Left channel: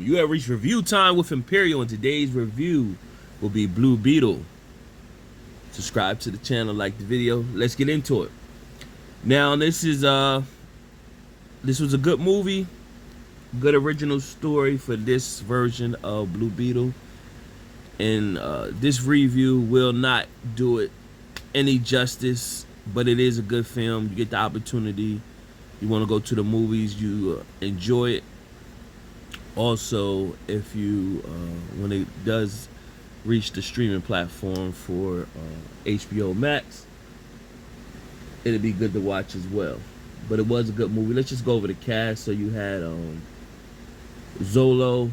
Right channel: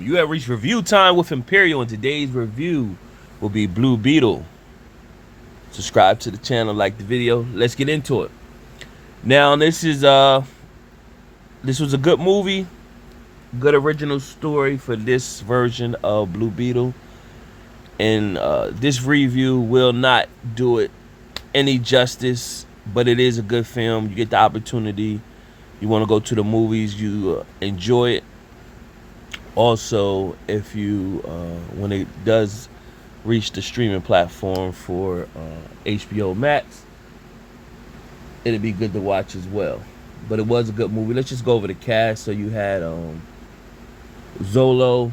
You have reached review time with Imperial, and today's review will be Blue Beetle. Subscribe to the channel, like the video. Let's get into it. Now, this was a good movie, good original story for this version of Blue Beetle, and this review will not do it any justice, but it is a good film. You get the opportunity. You want to go to the movies, you enjoy it. Also, if you when it does reach the streaming platform for HBO Max, it'll be good to watch as well. But it was a good movie. Let's just go over the cast. So you had Zolo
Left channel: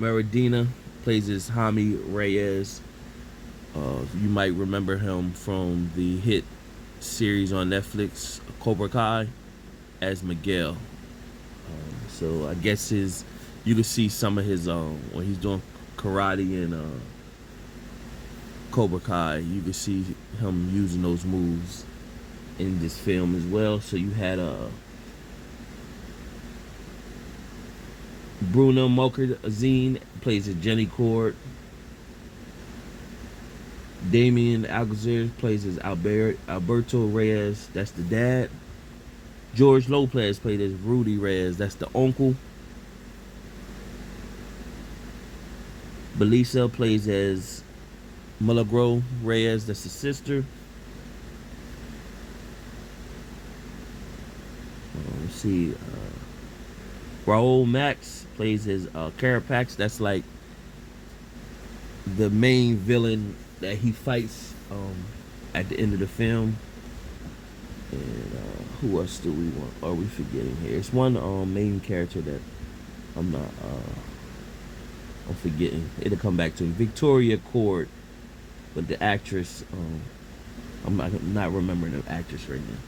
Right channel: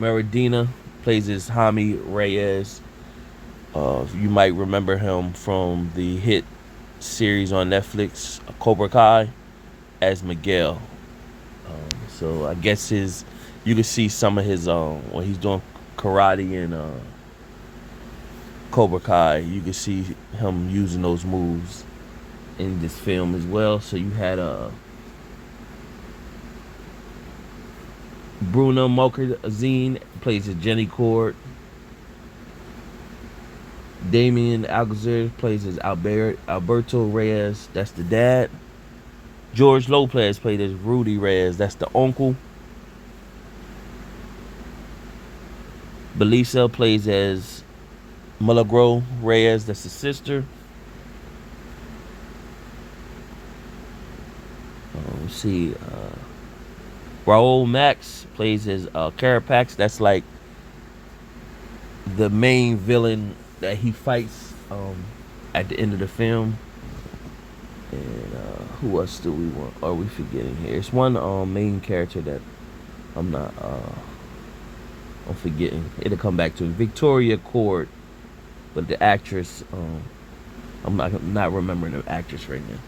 Maradina plays as Jaime Reyes. You might remember him from the hit series on Netflix, Cobra Kai, as Miguel. So I guess you can see some of his when he's doing karate and Cobra Kai, you can see him using those moves in this film as well. So you had Bruno Mokarzine plays as Jenny Cord. Damien Alcazar plays as Alberto Reyes, that's the dad. George Lopez played as Rudy Reyes, that's the uncle. Belisa plays as Milagro Reyes, that's the sister. Let's see. Raul Max plays as Carapax, that's like the main villain that he fights at the end of the film. And who else do we want? Are we forgetting here? It's one main character that I'm forgetting. It'll come back to me. Victoria Cord, but the actress, I'm not remembering the actress right now.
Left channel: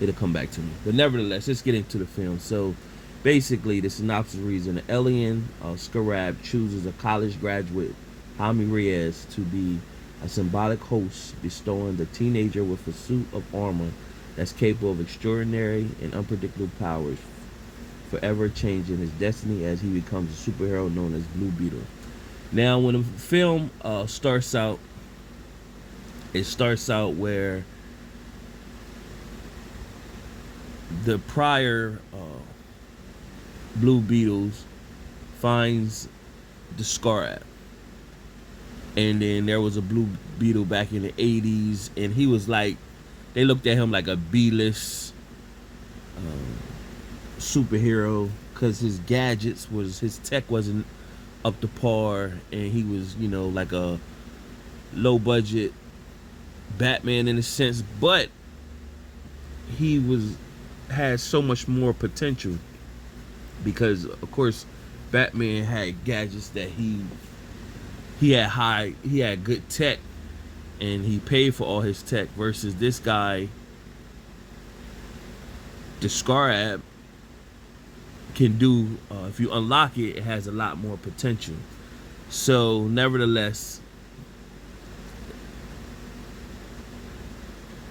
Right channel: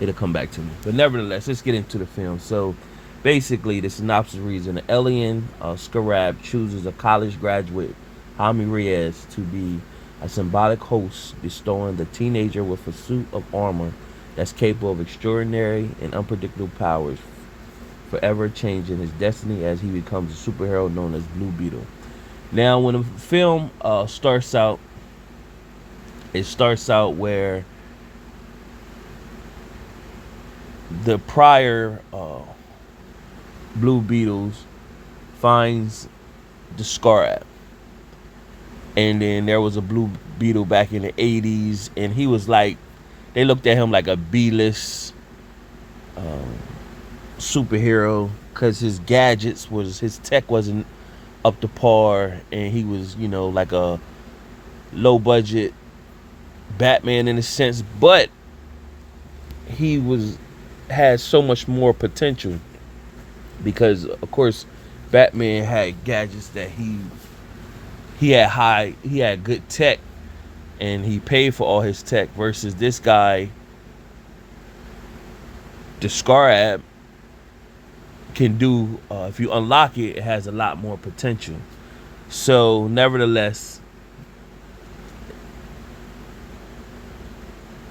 It'll come back to me. But nevertheless, let's get into the film. So basically, the synopsis reads: an alien, Scarab, chooses a college graduate, Jaime Reyes, to be a symbiotic host, bestowing the teenager with a suit of armor that's capable of extraordinary and unpredictable powers, forever changing his destiny as he becomes a superhero known as Blue Beetle. Now, when the film starts out, it starts out where the prior Blue Beetles finds the Scarab. And then there was a Blue Beetle back in the 80s, and he was like, they looked at him like a B-list superhero because his his tech wasn't up to par, and he was, like a low budget Batman in a sense, but he had so much more potential because, of course, Batman had gadgets that he had good tech, and he paid for all his tech, versus this guy, the Scarab, can do, if you unlock it, it has a lot more potential. So nevertheless,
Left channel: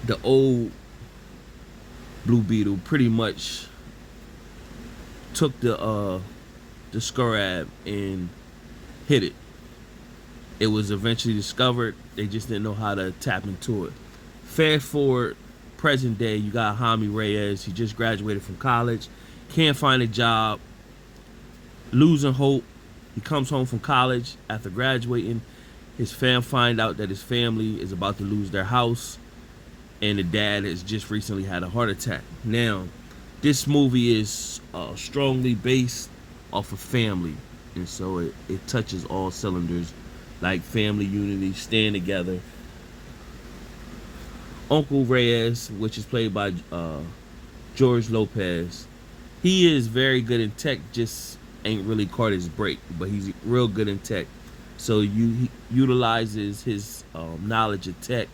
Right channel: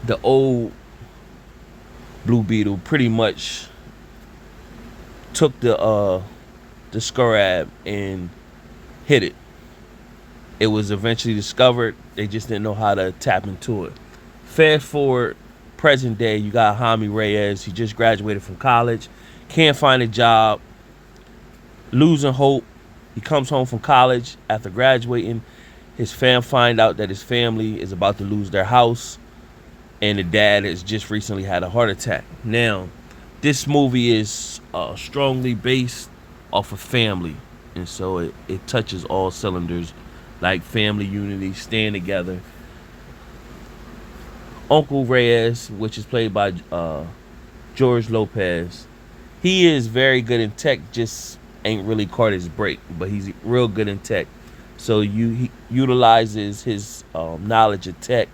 the old Blue Beetle pretty much took the Scarab and hid it. It was eventually discovered. They just didn't know how to tap into it. Fast forward, present day, you got Jaime Reyes. He just graduated from college, can't find a job, losing hope. He comes home from college after graduating. His find out that his family is about to lose their house, and the dad has just recently had a heart attack. Now, this movie is strongly based off of family, and so it touches all cylinders, like family unity, staying together. Uncle Reyes, which is played by George Lopez, he is very good in tech, just ain't really caught his break, but he's real good in tech. So he utilizes his knowledge of tech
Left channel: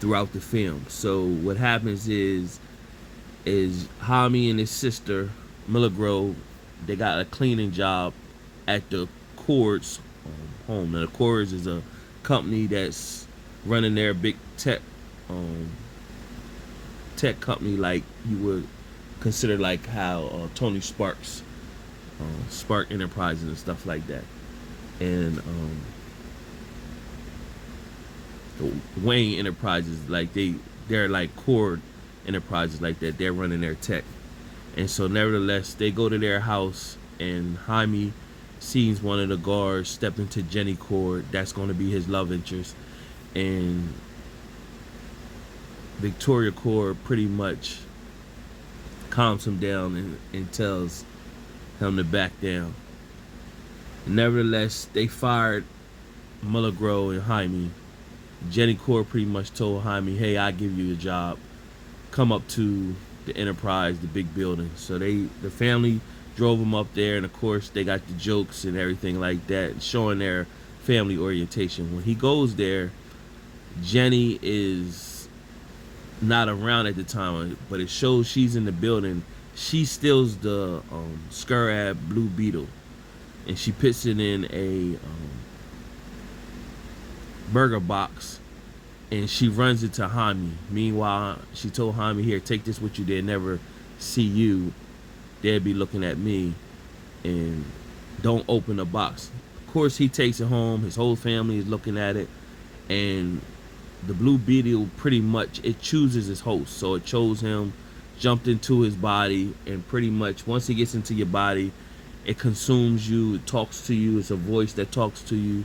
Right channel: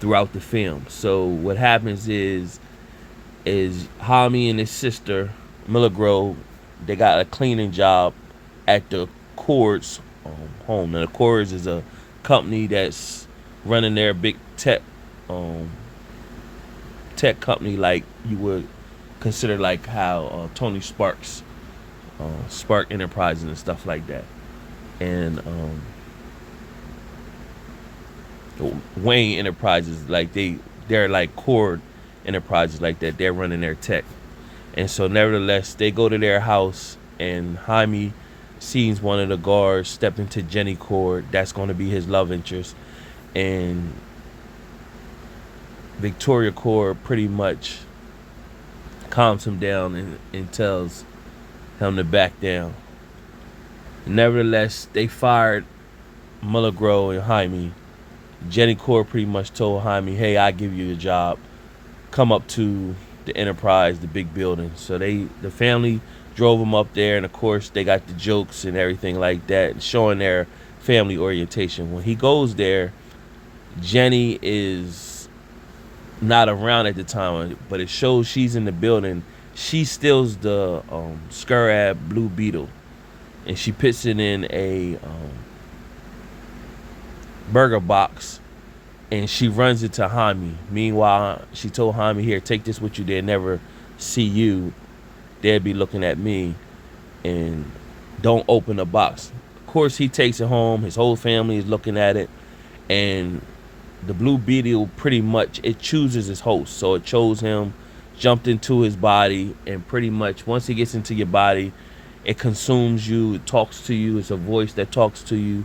throughout the film. So what happens is Jaime and his sister Milagro, they got a cleaning job at the Cords home. Now, the Cords is a company that's running their big tech company, like you would consider like how Tony Sparks Spark Enterprises and stuff like that. And Wayne Enterprises, like they're like core enterprises like that. They're running their tech. And so nevertheless, they go to their house, and Jaime sees one of the guards step into Jenny Cord. That's going to be his love interest. And Victoria Cord pretty much calms him down and tells him to back down. Nevertheless, they fired Mulligro and Jaime. Jenny Cord pretty much told Jaime, hey, I give you a job. Come up to the Enterprise, the big building. So the family drove him up there, and of course they got the jokes and everything like that, showing their family orientation. When he goes there, Jenny is not around at the time, but it shows she's in the building. She steals the Scarab Blue Beetle, and she puts it in a burger box, and she runs it to Jaime. Meanwhile, she told Jaime, here, take this with you. They'll never see you. They'll be looking at me, and don't open the box. Of course, he takes it home. His whole family is looking at it, and the Blue Beetle pretty much, it chooses his host. So it chose him, jumped into his body, and pretty much once it gets into your body, it consumes you, it talks to you. It's a voice that talks to you,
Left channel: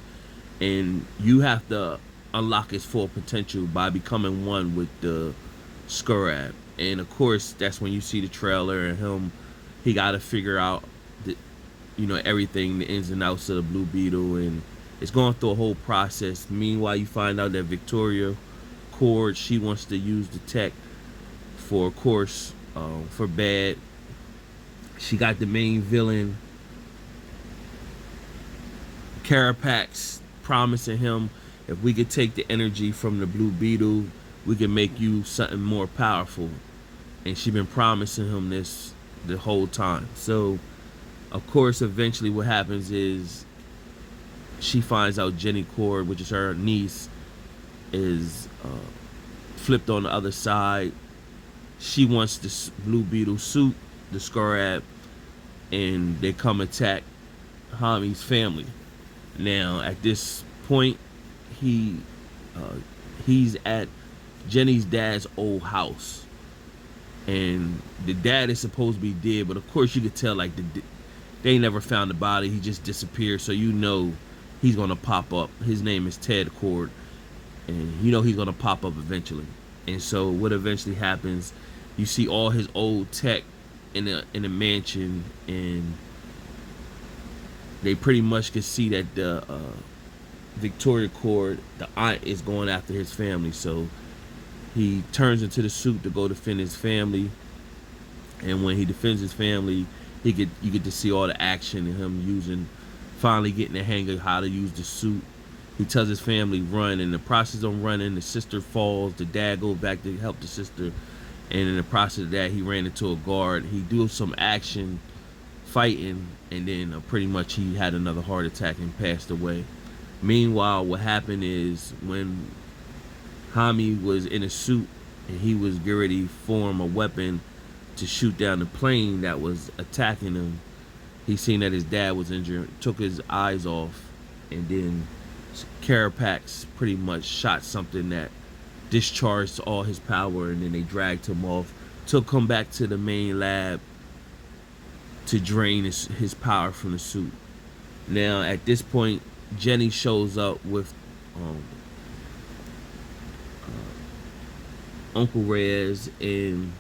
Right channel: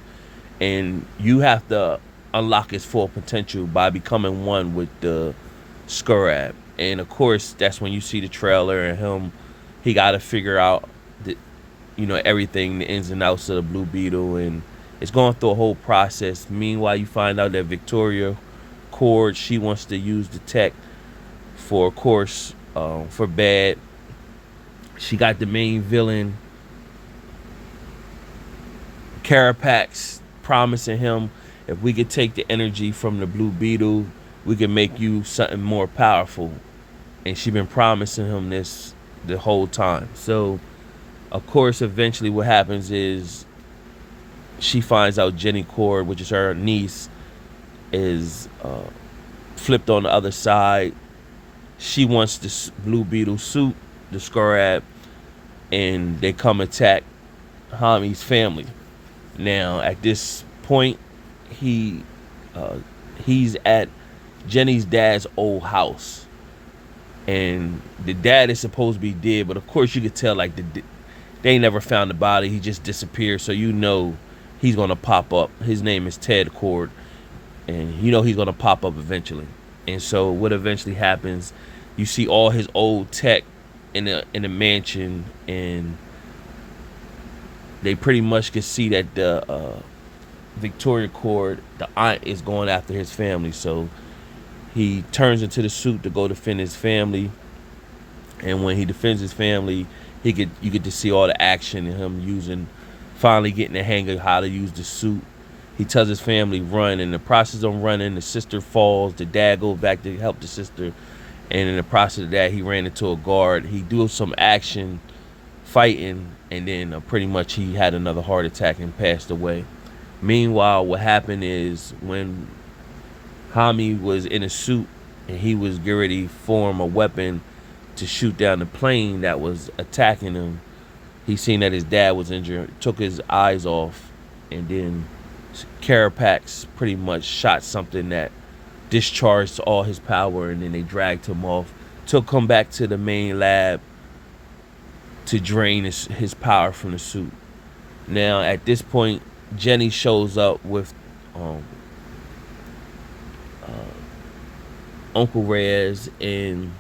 and you have to unlock his full potential by becoming one with the Scarab. And of course, that's when you see the trailer and him. He got to figure out the, everything, the ins and outs of the Blue Beetle, and it's going through a whole process. Meanwhile, you find out that Victoria Cord, she wants to use the tech for, of course, for bad. She got the main villain, Carapax, promising him, if we could take the energy from the Blue Beetle, we can make you something more powerful. And she been promising him this the whole time. So, of course, eventually what happens is she finds out Jenny Cord, which is her niece, is flipped on the other side. She wants this Blue Beetle suit, the Scarab, and they come attack Jaime's family. Now, at this point, he's at Jenny's dad's old house, and the dad is supposed to be dead, but of course you could tell, like, they ain't never found the body. He just disappeared, so he's gonna pop up. His name is Ted Cord, and he's gonna pop up eventually. And so what eventually happens, you see all his old tech in a mansion, and they pretty much can see that the Victoria Cord, the aunt, is going after his family. So he turns into the suit to go defend his family, and when he defends his family, you get to see all the action and him finally getting the hang of how to use the suit. He tells his family run, and in the process of running, the sister falls. The dad goes back to help the sister, and in the process of that, he ran into a guard. He do some action fighting, and then pretty much he had another heart attack and passed away. Meanwhile, what happened is when Jaime was in a suit and he was getting ready to form a weapon to shoot down the plane that was attacking him, he seen that his dad was injured, took his eyes off, and then Carapax pretty much shot something that discharged all his power, and then they dragged him off, took him back to the main lab to drain his power from the suit. Now, at this point, Jenny shows up with Uncle Reyes and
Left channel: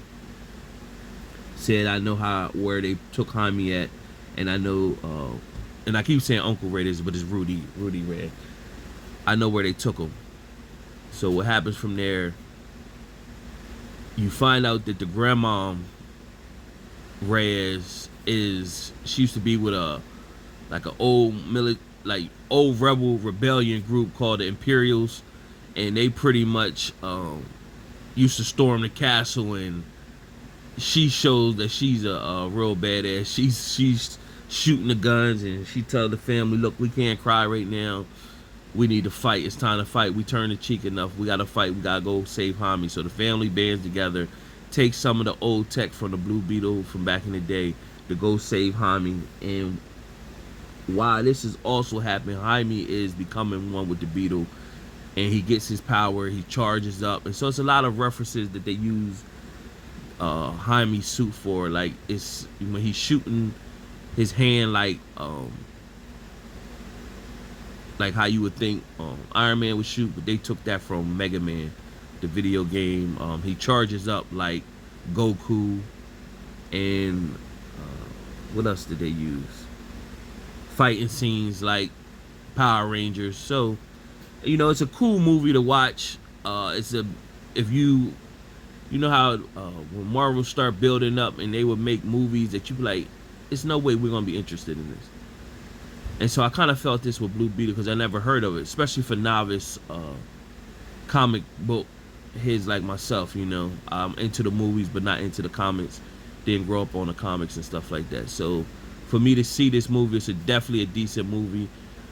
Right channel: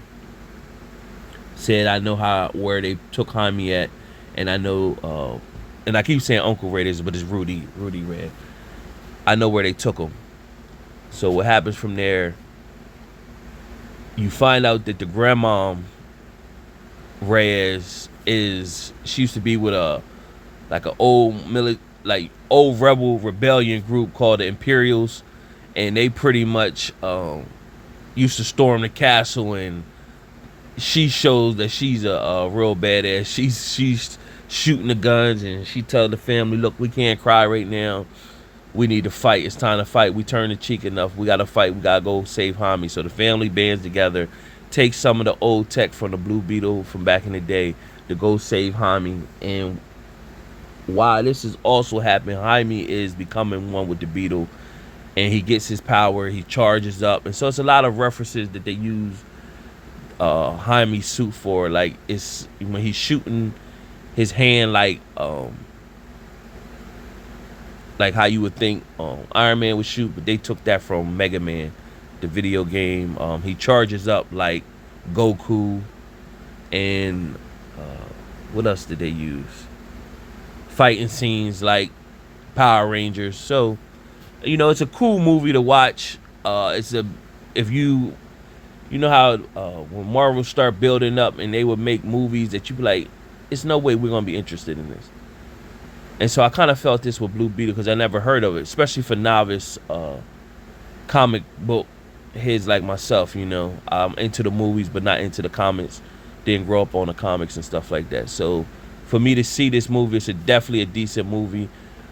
said, I know where they took Jaime at, and I know, and I keep saying Uncle Reyes, but it's Rudy Reyes. I know where they took him. So what happens from there, you find out that the grandma Reyes she used to be with an old rebel rebellion group called the Imperials, and they pretty much used to storm the castle, and she shows that she's a real badass. She's shooting the guns, and she tells the family, look, we can't cry right now. We need to fight. It's time to fight. We turned the cheek enough. We got to fight. We got to go save Jaime. So the family bands together, take some of the old tech from the Blue Beetle from back in the day, to go save Jaime. And while this is also happening, Jaime is becoming one with the Beetle, and he gets his power. He charges up, and so it's a lot of references that they use Jaime's suit for. Like, it's when he's shooting his hand, like how you would think Iron Man would shoot, but they took that from Mega Man, the video game. He charges up like Goku, and what else did they use? Fighting scenes like Power Rangers. So, you know, it's a cool movie to watch. If you know how when Marvel start building up and they would make movies that you be like, it's no way we're gonna be interested in this. And so I kind of felt this with Blue Beetle because I never heard of it, especially for novice comic book heads like myself. You know, I'm into the movies but not into the comics. Didn't grow up on the comics and stuff like that. So for me to see this movie, it's definitely a decent movie.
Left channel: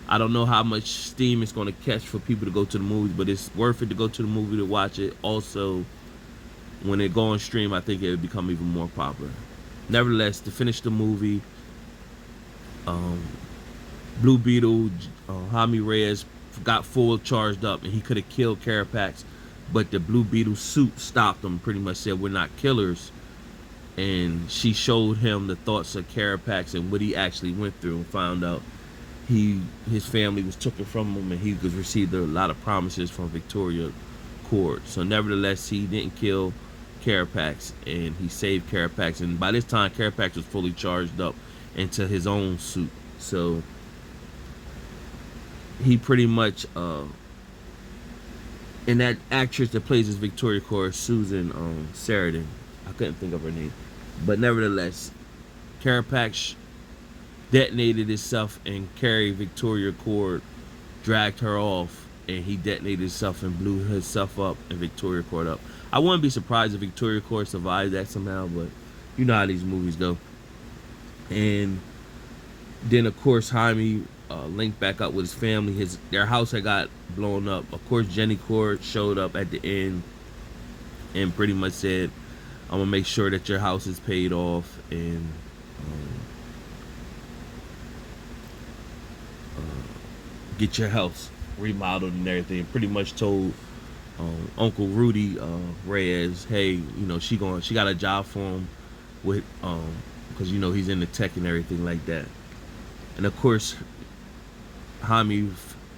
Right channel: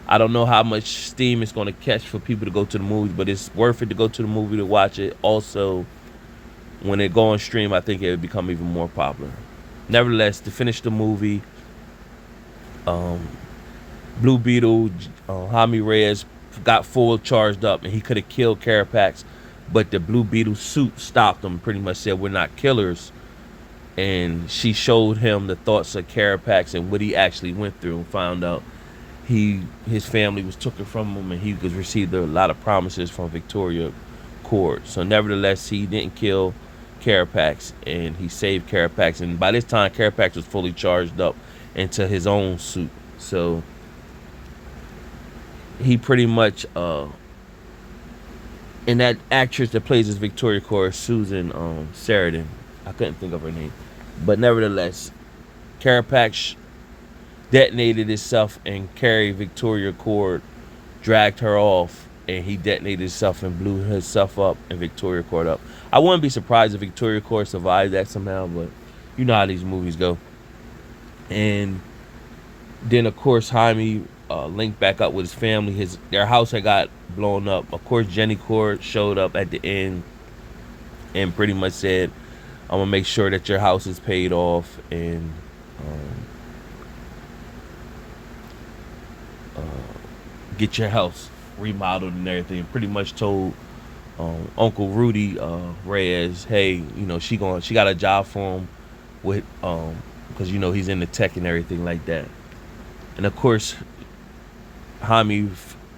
I don't know how much steam it's going to catch for people to go to the movies, but it's worth it to go to the movie to watch it. Also, when it go on stream, I think it would become even more popular. Nevertheless, to finish the movie, Blue Beetle, Jaime Reyes got full charged up, and he could have killed Carapax, but the Blue Beetle suit stopped him. Pretty much said, "We're not killers." And she showed him the thoughts of Carapax and what he actually went through, and found out his family was taken from him, and he was received a lot of promises from Victoria Court. So nevertheless, he didn't kill Carapax, and he saved Carapax. And by this time, Carapax was fully charged up into his own suit. So he pretty much and that actress that plays as Victoria Court, Susan Sarandon, I couldn't think of her name, but nevertheless, Carapax detonated itself and carried Victoria Court, dragged her off, and he detonated himself and blew himself up and Victoria Court up. I wouldn't be surprised if Victoria Court survived that somehow, but you know how these movies go. And then of course Jaime linked back up with his family. Their house had got blown up. Of course, Jenny Court showed up at the end and pretty much said, "I'm gonna make sure that your house is paid off and get your house remodeled and everything." Pretty much told Uncle Rudy Reyes, hey, you know, she got a job for him with because you know he's into tech and everything like that. And of course, Jaime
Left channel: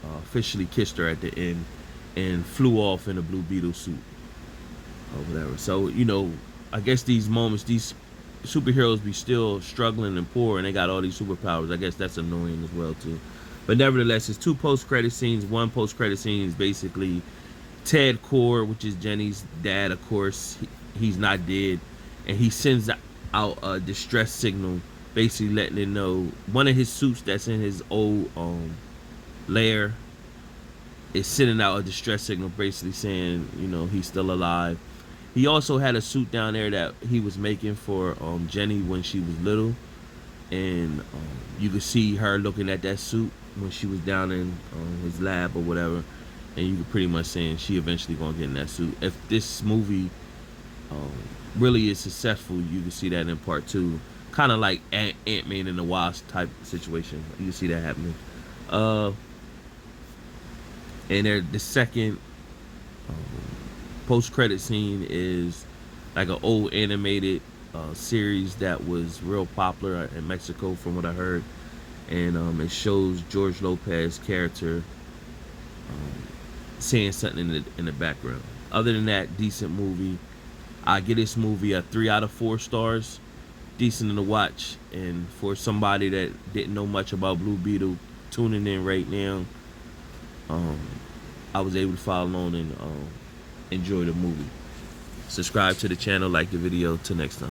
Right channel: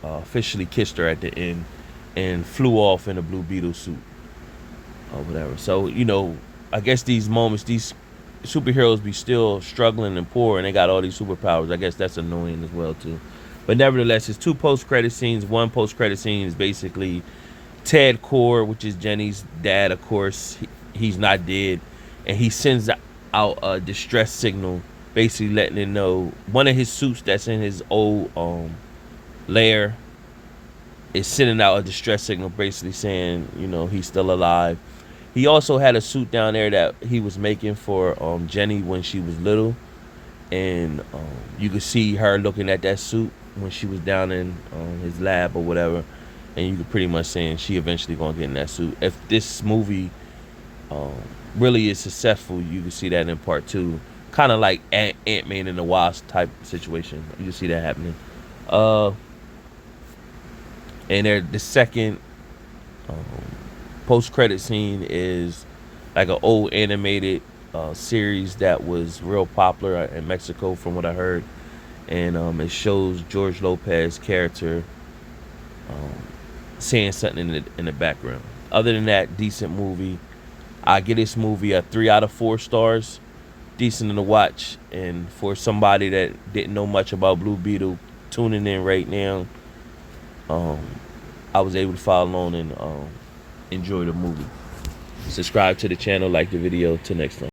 officially kissed her at the end and flew off in a Blue Beetle suit or whatever. So, you know, I guess these moments, these superheroes be still struggling and poor, and they got all these superpowers. I guess that's annoying as well too. But nevertheless, it's 2 post-credit scenes. One post-credit scene is basically Ted Core, which is Jenny's dad. Of course, he's not dead, and he sends out a distress signal, basically letting it know one of his suits that's in his old lair is sending out a distress signal, basically saying, you know, he's still alive. He also had a suit down there that he was making for Jenny when she was little, and you could see her looking at that suit when she was down in his lab or whatever, and you could pretty much saying she eventually gonna get in that suit. If this movie really is successful, you can see that in part 2, kind of like Ant-Man and the Wasp type situation. You can see that happening. And the second post-credit scene is like an old animated series that was real popular in Mexico, from what I heard, and it shows George Lopez's character saying something in the background. Other than that, decent movie. I give this movie a 3 out of 4 stars. Decent to watch, and for somebody that didn't know much about Blue Beetle tuning in right now, I was able to follow along and enjoy the movie. Subscribe to the channel, like the video. Till next time.